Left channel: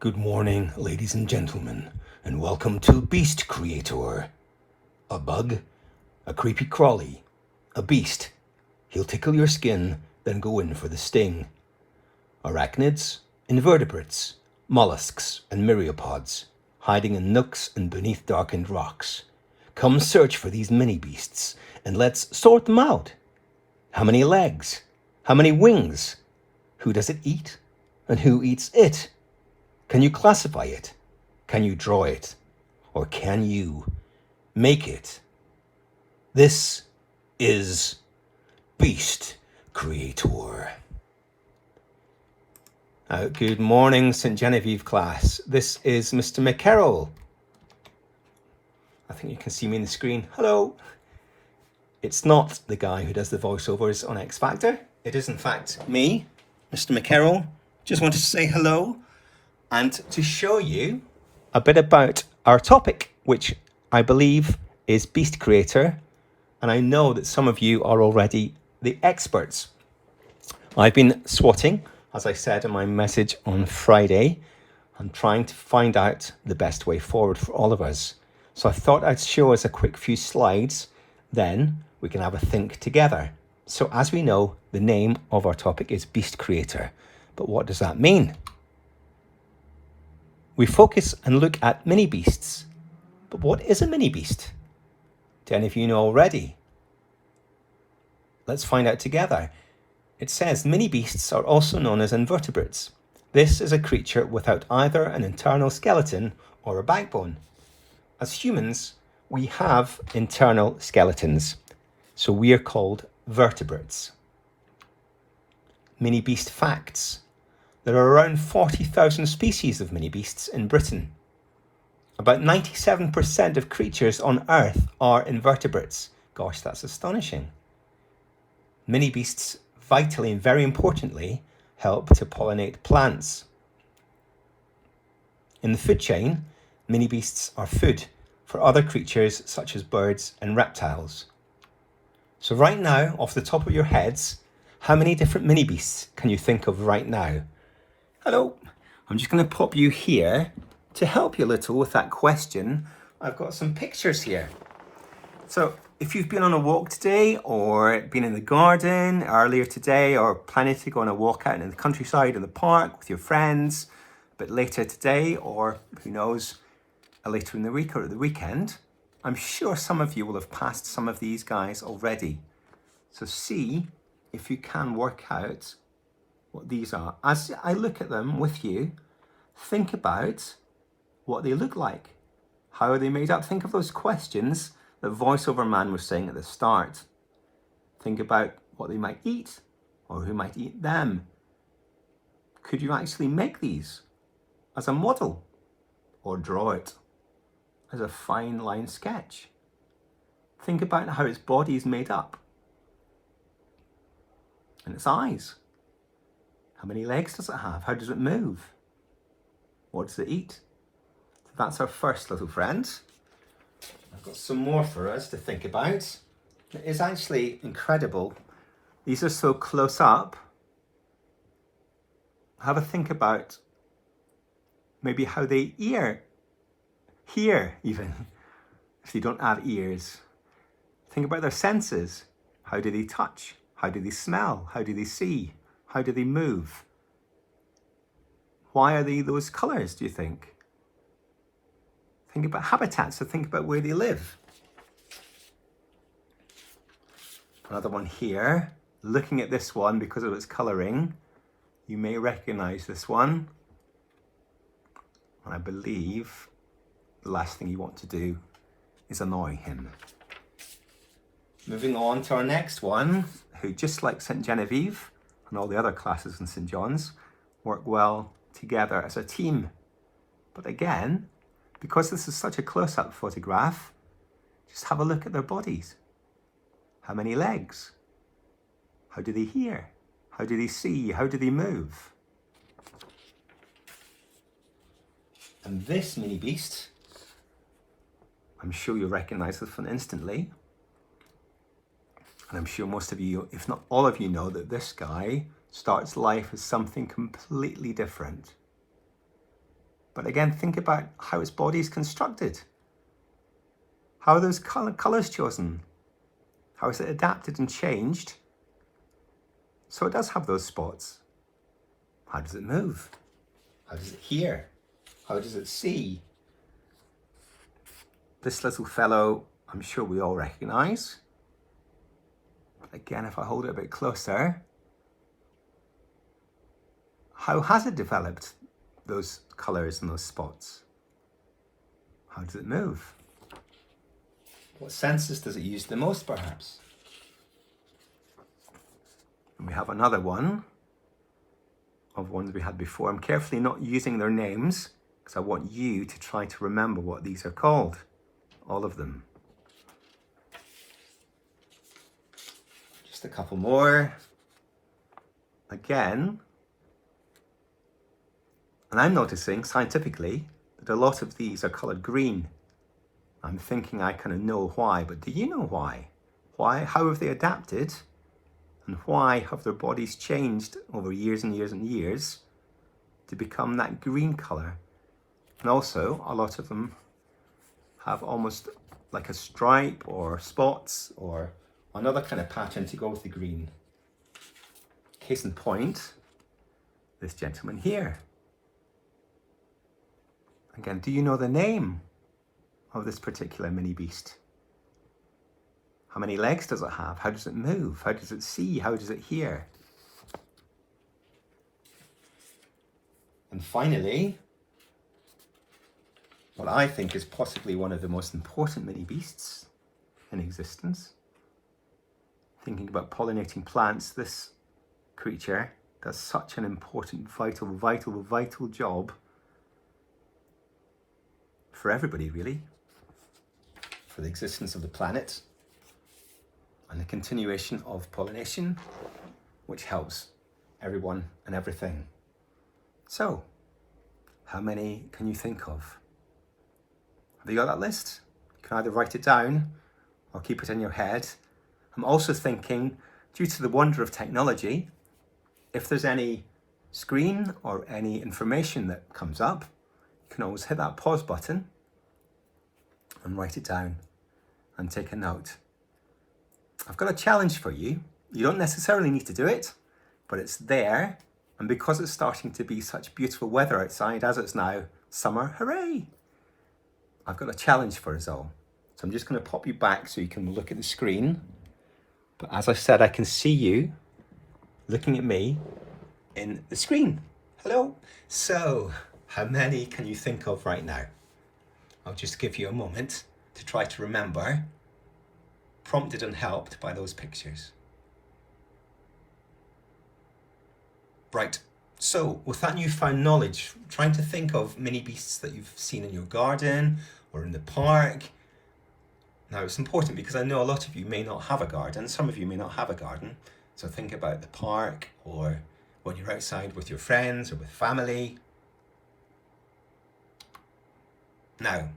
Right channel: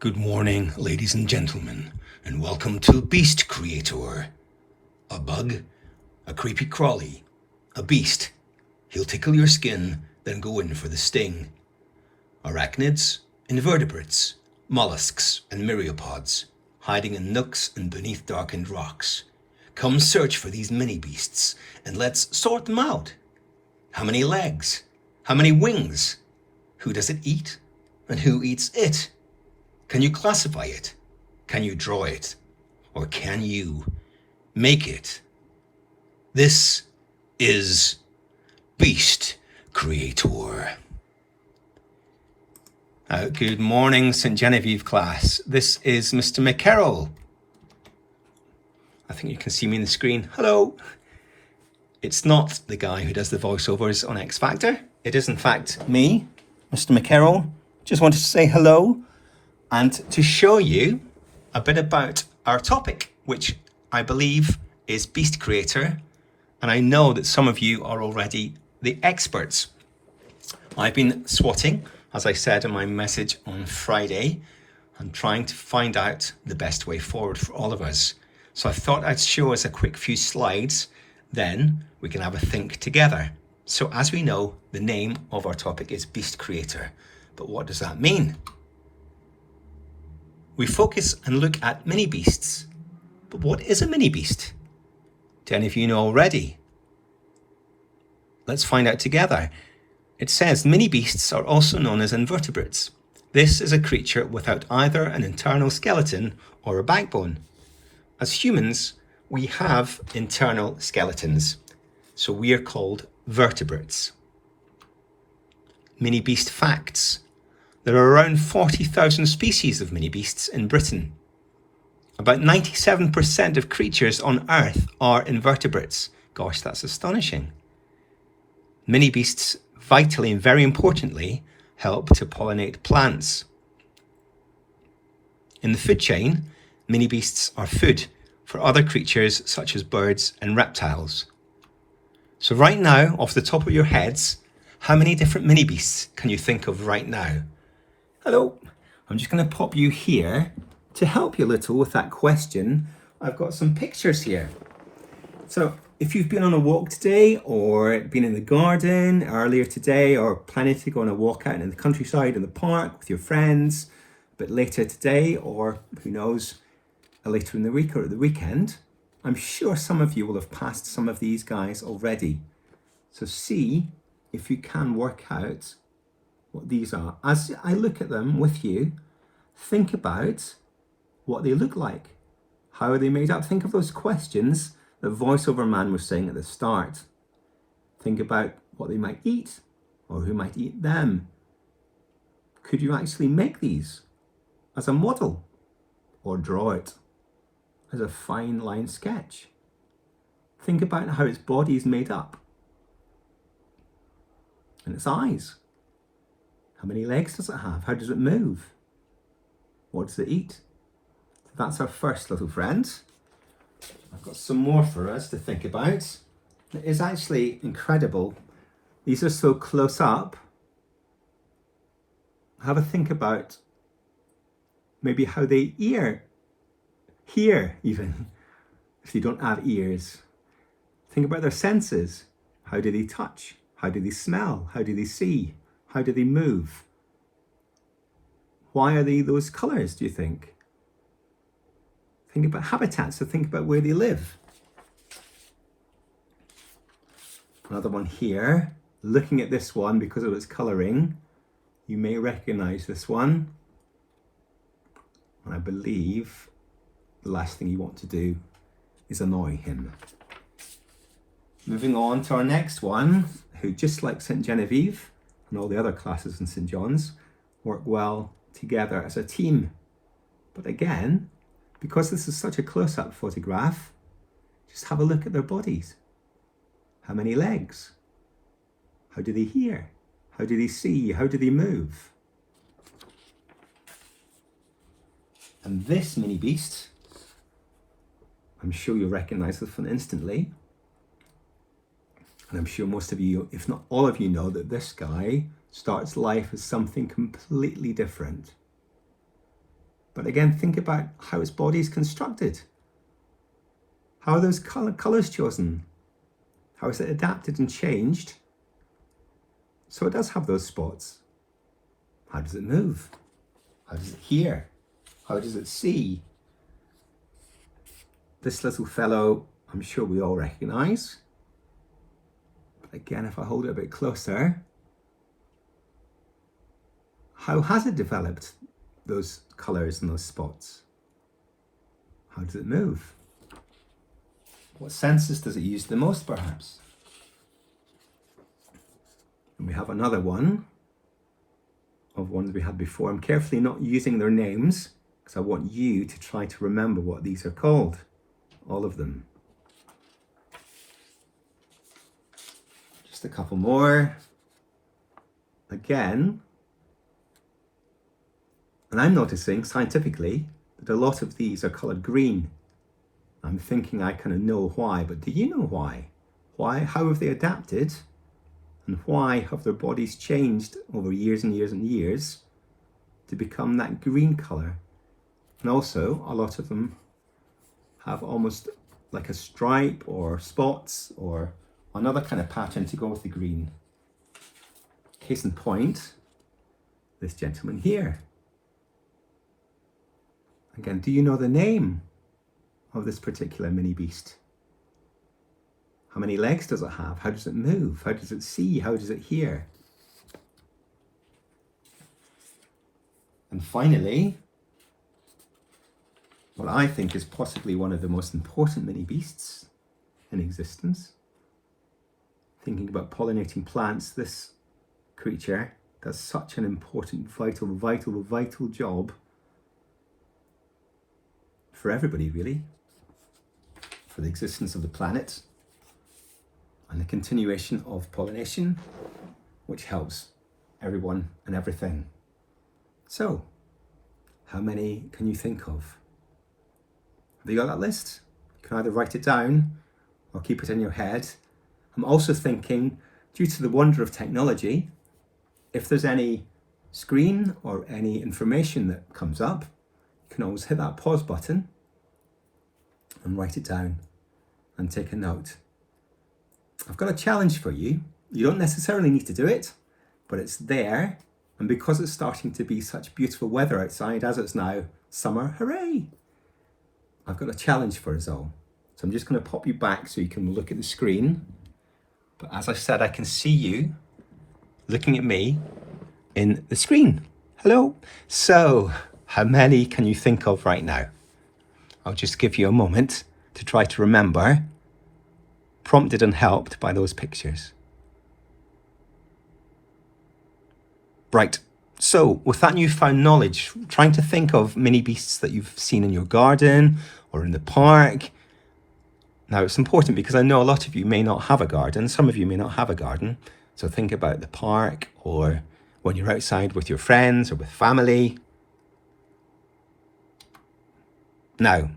Good morning, ladies and gentlemen, and welcome to Beast Creator. A bug, a creepy crawly, a beast. He'll tickle your skin, then go in for the sting. Arachnids, invertebrates, mollusks, and myriapods, hiding in nooks and beneath darkened rocks. Come search for these mini beasts, and let's sort them out. How many legs? How many wings? Who does it eat? And who eats it? Can you classify it? Can you draw it? Or can you make it? This is Beast Creator. Good morning, St. Genevieve class. This is Mr. McCarroll. I think you can see me on the screen. Hello. It's not the guy who does the voiceovers on X Factor. It is, in fact, me, Mr. McCarroll. Just wanted to say hello and to show you a bit about our topic, which I believe is Beast Creator. And I know that some of you are already the experts. I've been swatting, as I said in my message on Friday, and trying to find out the best way forward for all of us. So I thought I'd show us a quick few slides, then we can have a think together. So as we know, the name of our topic is Beast Creator. But what does that mean? We focus and look at mini beasts. But what is a mini beast? Do any of you know already? Let's find out together. It says mini beasts are also known as invertebrates. This is a creature without either an internal skeleton or a backbone. As humans, we have internal skeletons, so we are called vertebrates. Mini beast facts. There are around 40,000 species of mini beasts in Britain. About 97% of creatures on Earth are invertebrates. Gosh, that's astonishing. Mini beasts, vitally and very importantly, help to pollinate plants. In the food chain, mini beasts are food for other creatures such as birds and reptiles. So right now, off the top of your heads, how many different mini beasts can you think of right now? Hello, I'm just going to pop you here to help you a little with that question. I've got some pictures here. So if you've been on a walk today or been in the garden earlier today or planning to go on a walk out in the countryside in the park with your friends a bit later today, or who knows, later in the week or at the weekend, I'm sure some of you will have passed some of these guys already. So see if you can work out what these are. As I look at them with you, think about what they look like. How are they made up? Think of those questions that voiceover man was saying at the start. Think about what they might eat or who might eat them. Could you actually make these as a model or draw it as a fine line sketch? Think about how its body is made up and its eyes. How many legs does it have? How does it move? What does it eat? So that's our first little friend. I've got some more for us to think about. It is actually incredible. These are so close up. Have a think about maybe how they hear even, if they don't have ears. Think about their senses. How do they touch? How do they smell? How do they see? How do they move? Why are they those colours, do you think? Think about habitats, so think about where they live. Another one here. Looking at this one, because of its colouring, you may recognise this one. And I believe the last thing you want to do is annoy him. Moving on to our next one, who, just like St. Genevieve and all the other classes in St. John's, work well together as a team. But again, because this is such a close-up photograph, just have a look at their bodies. How many legs? How do they hear? How do they see? How do they move? And this mini beast, I'm sure you'll recognise this one instantly. And I'm sure most of you, if not all of you, know that this guy starts life as something completely different. But again, think about how its body is constructed. How are those colours chosen? How is it adapted and changed? So it does have those spots. How does it move? How does it hear? How does it see? This little fellow, I'm sure we all recognise. But again, if I hold it a bit closer, how has it developed those colours and those spots? How does it move? What senses does it use the most, perhaps? And we have another one of ones we had before. I'm carefully not using their names because I want you to try to remember what these are called. All of them. Just a couple more. Again, and I'm noticing scientifically that a lot of these are coloured green. I'm thinking I kind of know why, but do you know why? Why? How have they adapted? And why have their bodies changed over years and years and years to become that green colour? And also, a lot of them have almost like a stripe or spots or another kind of pattern to go with the green. Case in point, this gentleman here. Again, do you know the name of this particular mini beast? How many legs does it have? How does it move? How does it see? How does it hear? And finally, what I think is possibly one of the most important mini beasts in existence. Thinking about pollinating plants, this creature does such an important, vital job for everybody, really. For the existence of the planet and the continuation of pollination, which helps everyone and everything. So, how many can you think of? Have you got that list? You can either write it down or keep it in your head. I'm also thinking, due to the wonder of technology, if there's any screen or any information that comes up, you can always hit that pause button and write it down and take a note. I've got a challenge for you. You don't necessarily need to do it, but it's there. And because it's starting to be such beautiful weather outside, as it's now summer, hooray! I've got a challenge for us all. So I'm just going to pop you back so you can look at the screen. But as I said, I can see you looking at me in the screen. Hello. So how many can you think of right now? I'll just give you a moment to try to remember, prompted and helped by those pictures. Right, so with that newfound knowledge, trying to think of mini beasts that you've seen in your garden or in the park. Now it's important because I know a lot of you may not have a garden, some of you may not have a garden, so think about the park or when you're outside with your friends or with family. Now,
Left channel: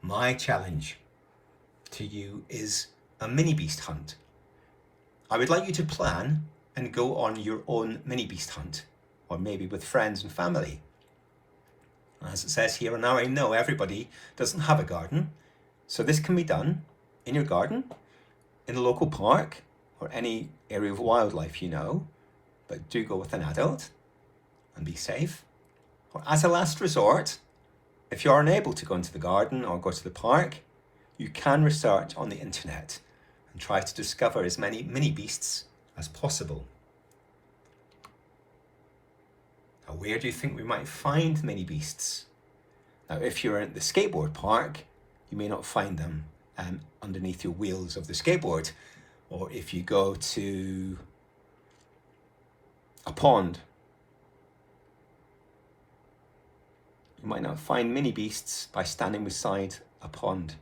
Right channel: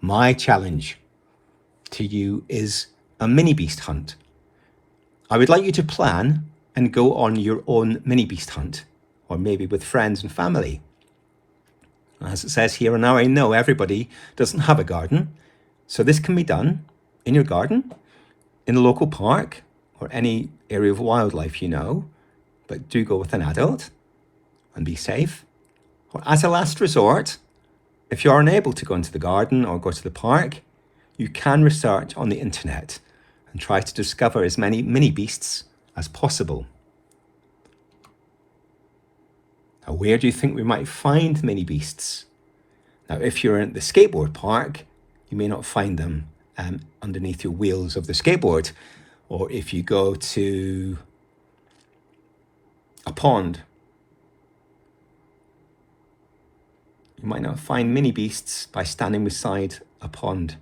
my challenge to you is a mini beast hunt. I would like you to plan and go on your own mini beast hunt, or maybe with friends and family. As it says here, and now I know everybody doesn't have a garden, so this can be done in your garden, in a local park, or any area of wildlife you know, but do go with an adult and be safe. Or as a last resort, if you're unable to go into the garden or go to the park, you can research on the internet and try to discover as many mini beasts as possible. Now, where do you think we might find mini beasts? Now, if you're at the skateboard park, you may not find them underneath your wheels of the skateboard. Or if you go to a pond, you might not find mini beasts by standing beside a pond.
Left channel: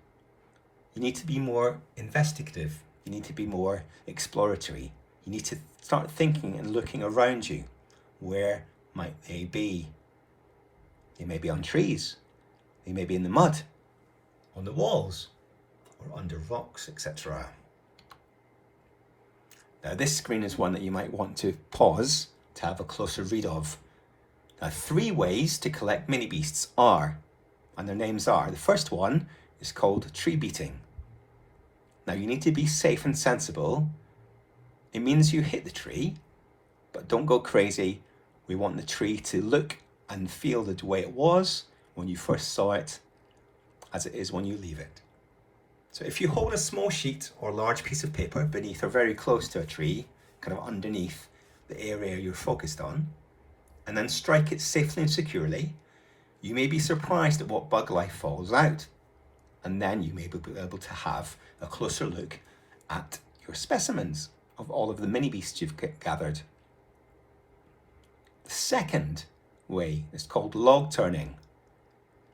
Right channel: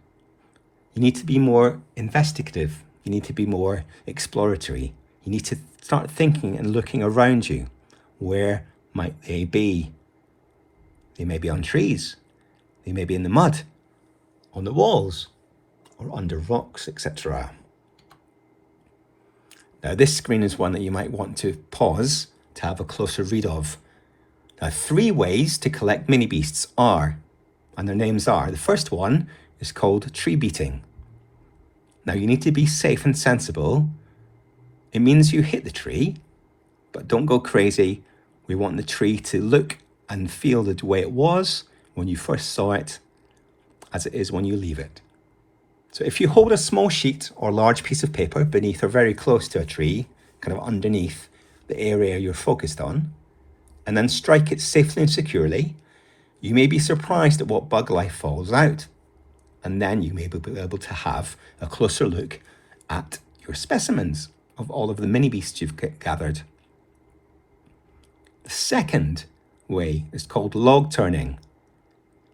You need to be more investigative. You need to be more exploratory. You need to start thinking and looking around you. Where might they be? They may be on trees. They may be in the mud, on the walls, or under rocks, etc. Now, this screen is one that you might want to pause to have a closer read of. Now, 3 ways to collect mini beasts are, and their names are, the first one is called tree beating. Now, you need to be safe and sensible. It means you hit the tree, but don't go crazy. We want the tree to look and feel the way it was when you first saw it as it is when you leave it. So if you hold a small sheet or large piece of paper beneath or very close to a tree, kind of underneath the area you're focused on, and then strike it safely and securely, you may be surprised at what bug life falls out. And then you may be able to have a closer look at your specimens of all of the mini beasts you've gathered. The second way is called log turning.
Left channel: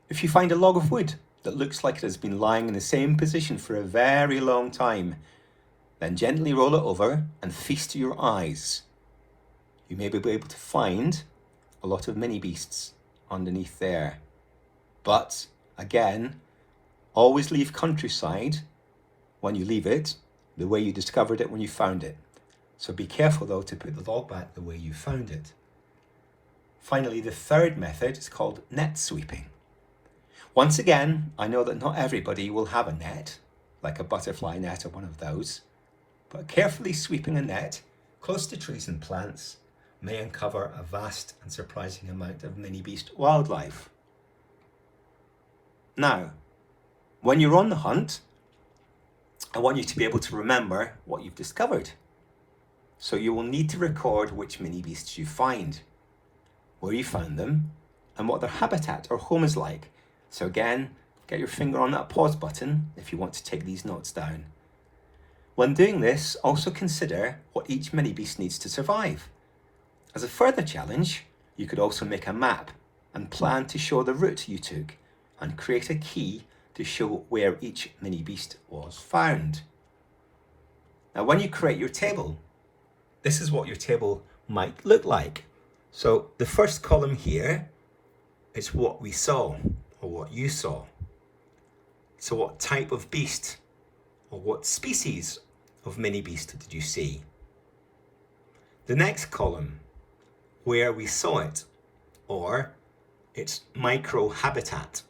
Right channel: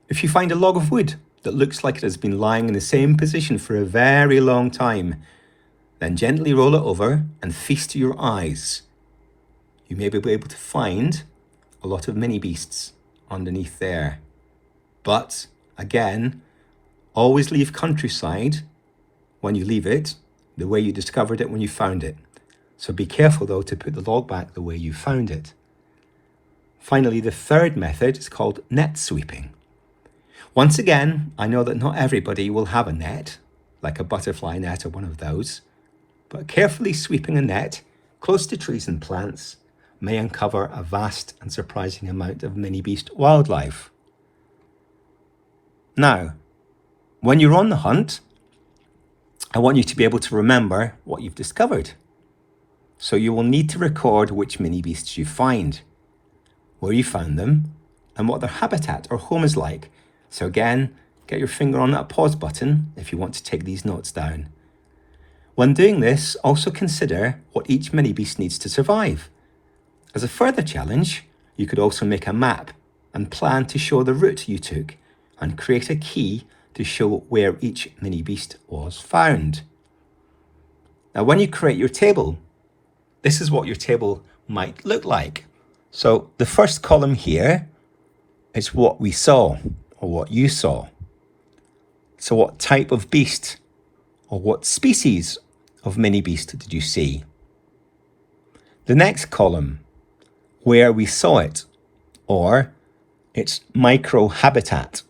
If you find a log of wood that looks like it has been lying in the same position for a very long time, then gently roll it over and feast your eyes. You may be able to find a lot of mini beasts underneath there. But again, always leave countryside when you leave it the way you discovered it when you found it. So be careful though to put the log back the way you found it. Finally, the third method is called net sweeping. Once again, I know that not everybody will have a net, like a butterfly net or one of those, but carefully sweeping a net close to trees and plants may uncover a vast and surprising amount of mini beast wildlife. Now, when you're on the hunt, I want you to be able to remember what you've discovered. So you will need to record which mini beasts you find, where you found them, and what their habitat or home is like. So again, get your finger on that pause button if you want to take these notes down. When doing this, also consider what each mini beast needs to survive. As a further challenge, you could also make a map and plan to show the route you took and create a key to show where each mini beast was found. Now, when you create your table, this is what your table might look like. So the first column here is what we saw or what you saw. So what type of beast or what species of mini beast did you see? The next column, where we saw it, or its micro-habitat.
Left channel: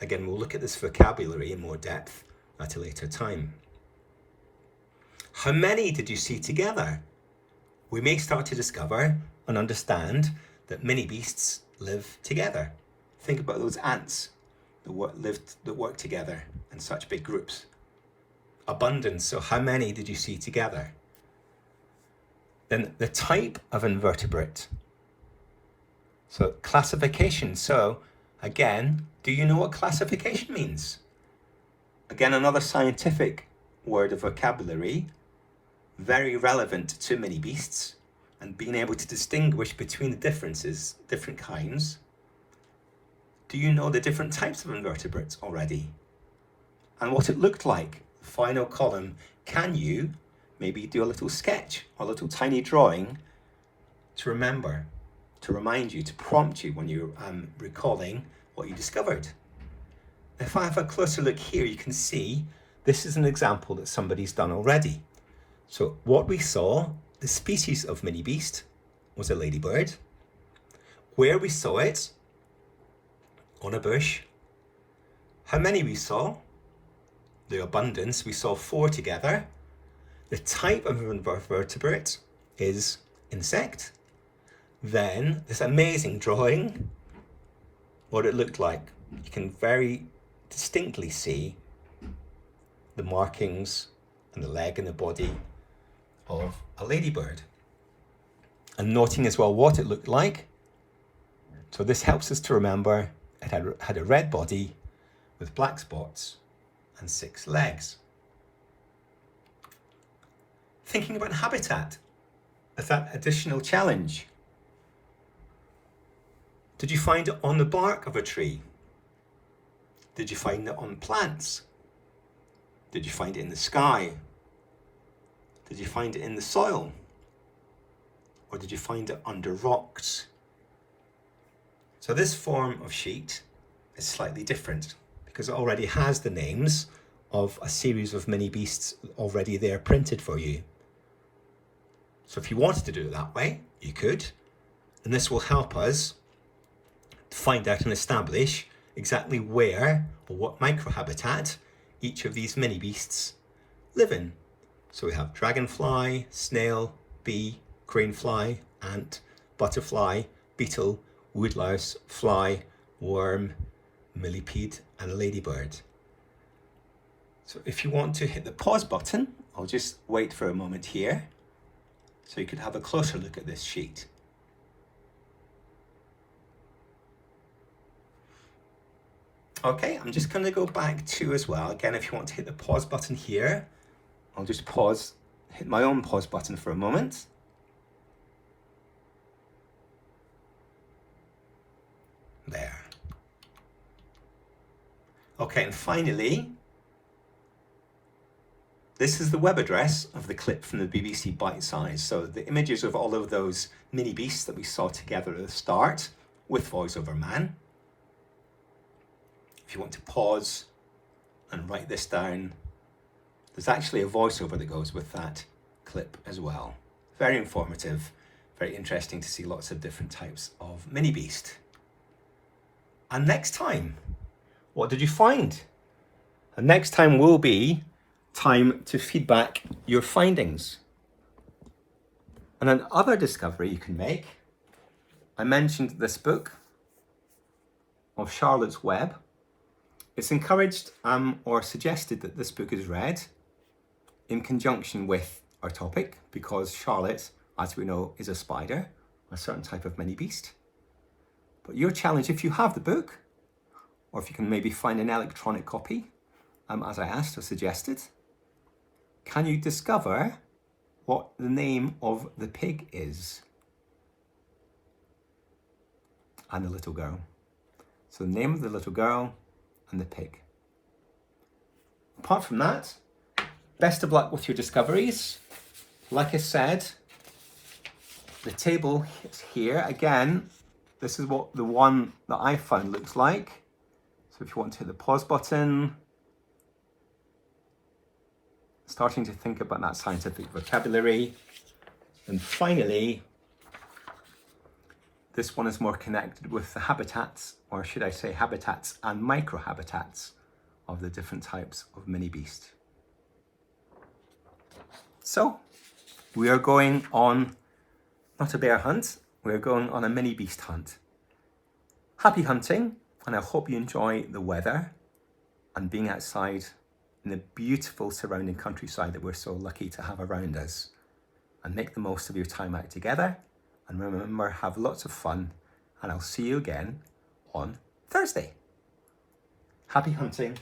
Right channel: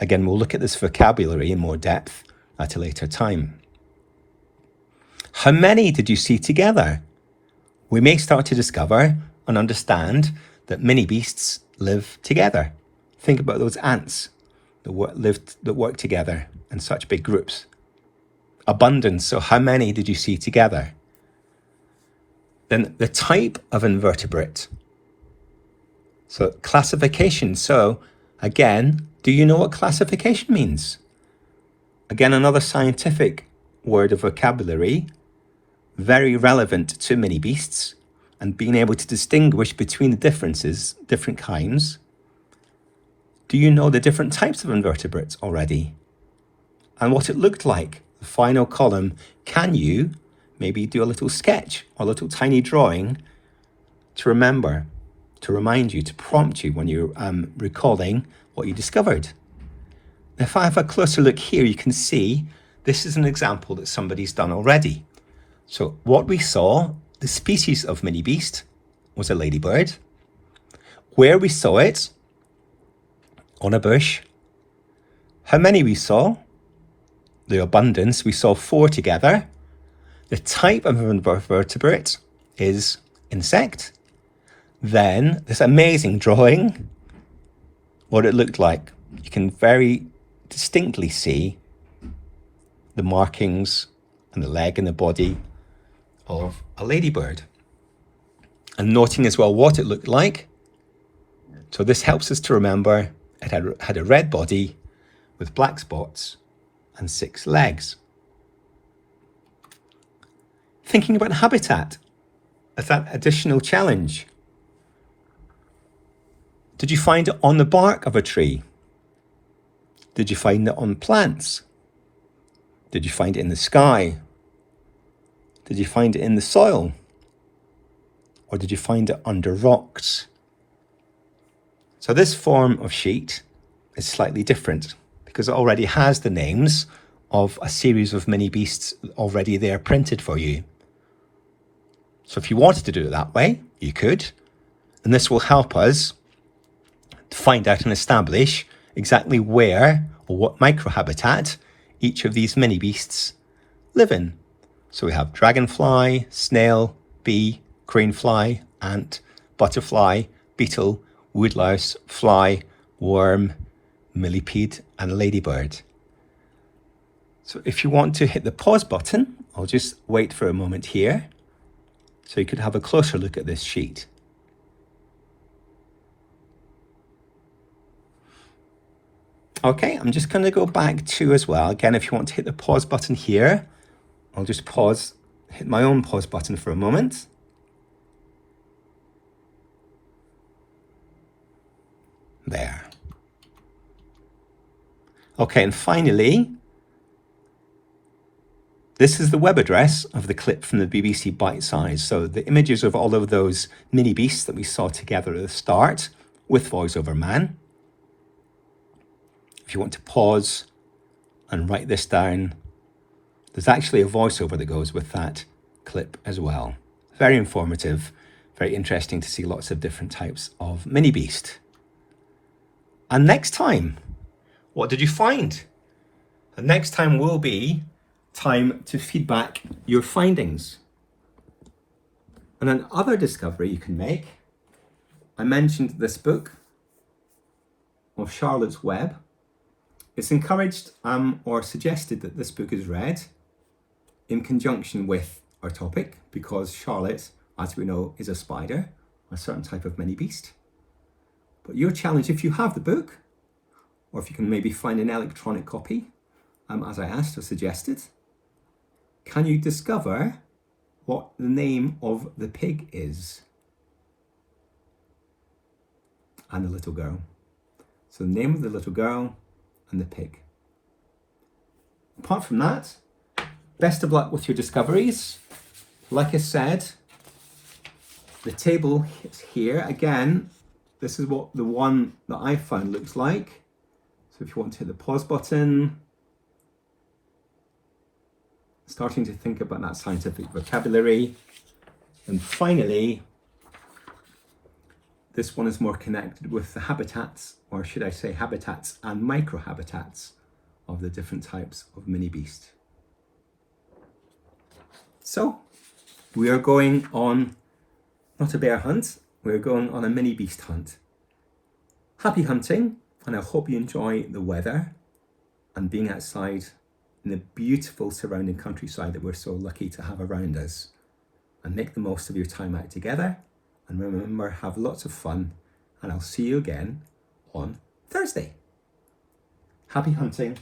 Again, we'll look at this vocabulary in more depth at a later time. How many did you see together? We may start to discover and understand that mini beasts live together. Think about those ants that work together in such big groups. Abundance, so how many did you see together? Then the type of invertebrate. So classification. So again, do you know what classification means? Again, another scientific word of vocabulary, very relevant to mini beasts and being able to distinguish between the differences, different kinds. Do you know the different types of invertebrates already? And what it looked like? The final column, can you maybe do a little sketch or a little tiny drawing to remember, to remind you, to prompt you when you're recalling what you discovered? If I have a closer look here, you can see this is an example that somebody's done already. So what we saw, the species of mini beast was a ladybird. Where we saw it, on a bush. How many we saw? The abundance, we saw 4 together. The type of invertebrate is insect. Then this amazing drawing, what it looked like. You can very distinctly see the markings and the leg and the body of a ladybird. And noting as well what it looked like. So this helps us to remember it had a red body with black spots and 6 legs. Thinking about habitat as that additional challenge. Did you find it on the bark of a tree? Did you find it on plants? Did you find it in the sky? Did you find it in the soil? Or did you find it under rocks? So this form of sheet is slightly different because it already has the names of a series of mini beasts already there printed for you. So if you wanted to do it that way, you could. And this will help us to find out and establish exactly where or what microhabitat each of these mini beasts live in. So we have dragonfly, snail, bee, cranefly, ant, butterfly, beetle, woodlouse, fly, worm, millipede, and ladybird. So if you want to hit the pause button, I'll just wait for a moment here so you could have a closer look at this sheet. Okay, I'm just going to go back to as well. Again, if you want to hit the pause button here, I'll just hit my own pause button for a moment. There. Okay, and finally, this is the web address of the clip from the BBC Bite Size. So the images of all of those mini beasts that we saw together at the start with VoiceOver Man. If you want to pause and write this down, there's actually a voiceover that goes with that clip as well. Very informative, very interesting to see lots of different types of mini beast. And next time, what did you find? And next time will be time to feedback your findings. And another discovery you can make, I mentioned this book of Charlotte's Web. It's encouraged or suggested that this book is read in conjunction with our topic because Charlotte, as we know, is a spider, a certain type of mini beast. But your challenge, if you have the book, or if you can maybe find an electronic copy, as I asked or suggested, can you discover what the name of the pig is? And the little girl. So the name of the little girl and the pig. Apart from that, best of luck with your discoveries. Like I said, the table is here. Again, this is what the one that I found looks like. So if you want to hit the pause button, starting to think about that scientific vocabulary. And finally, this one is more connected with the habitats, or should I say habitats and microhabitats of the different types of mini beast. So we are going on not a bear hunt, we are going on a mini beast hunt. Happy hunting, and I hope you enjoy the weather and being outside in the beautiful surrounding countryside that we're so lucky to have around us. And make the most of your time out together. And remember, have lots of fun. And I'll see you again on Thursday. Happy hunting.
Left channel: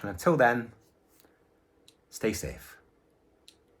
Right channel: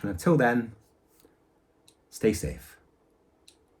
And until then, stay safe.